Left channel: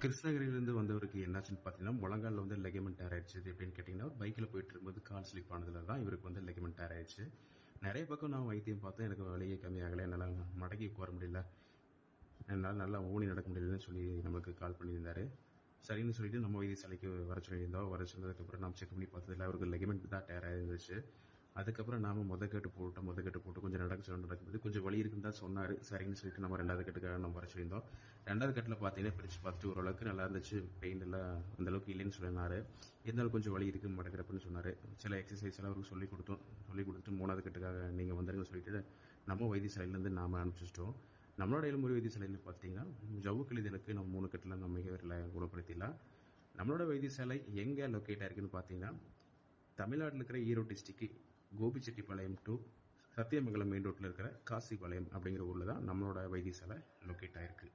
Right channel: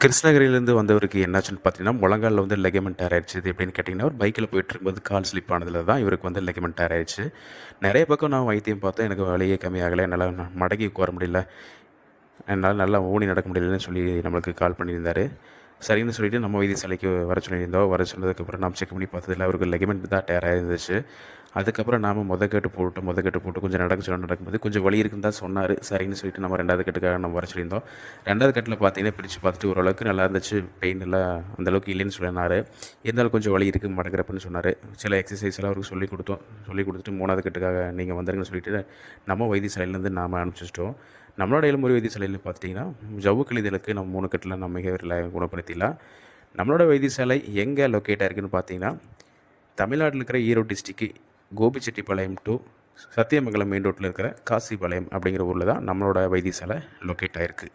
கிருஷ்ணகிரியிலேருந்து வந்தவருக்கு என்னாச்சுன்னு பார்த்தீங்கன்னா, முழங்காலில் வந்து லெகமெண்ட் டேர் ஆயிடுச்சு. இது எப்படின்னு கேட்டிங்கன்னா, ஒரு போயிட்டு போயிட்டுருக்கும்போது கால் ஸ்லிப் ஆனதுல தான் இவருக்கு வந்து லெகமெண்ட் டேர் ஆயிடுச்சு. நிறைய பக்கம் நான் வைத்தியம் பார்த்தேன். எனக்கு வழியே கம்மியாகலை என்னால் ந மடங்கி உட்கார முடியல. என்னால் நல்லா ஊனி நடக்க முடியலன்னு சொல்லி நம்மளுக்கு கால் பண்ணியிருந்தார் சரின்னு சொல்லிட்டு நம்ம வைத்தியசாலைக்கு வர சொல்லியிருந்தோம். வர சொன்னதுக்கப்புறம் நான் செக் பண்ணி பார்த்ததுல அவருக்கு லெகமெண்ட் தான் டேர் ஆயிருந்துச்சு. அதுக்கப்புறம் நாம முத கட்டு போட்டு முத கட்டு போட்டு கொஞ்சம் நடக்க சொல்ல நடக்கும்போது கொஞ்சம் வலி இருக்குன்னு தான் சொன்னார் சரின்னு சொல்லிட்டு நம்ம ரெண்டாவது கட்டுக்காக நம்ம வர சொல்லியிருந்தோம். ரெண்டாவது கட்டில் பார்த்தீங்கன்னா, பிரிச்சு பார்த்துட்டு ஓரளவுக்கு நல்லா இருந்துச்சு. பெயின் எல்லாம் அந்தளவுக்கு இல்லைன்னு சொன்னாரு. இருந்தாலும் கொஞ்சம் வலி இருக்குது மடக்குறப்பன்னு சொன்னார் சில எக்ஸர்சைஸ்லாம் அவருக்கு சொல்லிக் கொடுத்தோம் சொல்லிக் கொடுத்துட்டு மூணாவது கட்டுக்காக நீங்கள் வந்துருங்கன்னு சொல்லிட்டு, நம்ம வைத்தியசாலையிலேருந்து நாம் அனுப்பிச்சிட்டோம் நம்மளோட எலும்புமுறை வைத்தியசாலையில் பார்த்தீங்கன்னா ஜவ்வு கழிதலுக்கு நம்ம மூணு கட்டில் நம்ம மிக குணப்படுத்திடலாம். நம்மளோட வைத்தியசாலை எங்கே லொக்கேட் ஆயிருக்குன்னு பார்த்தீங்கன்னா, தமிழ்நாட்டில் இருக்கிற Erode district Gobichettipalayam to Sathyamangalam main ரோட்டில் இருக்கிற காசிபாளையம் அப்படிங்கிற ஊரில் தான் நம்மளோட வைத்தியசாலை லொக்கேட் ஆகிருக்கு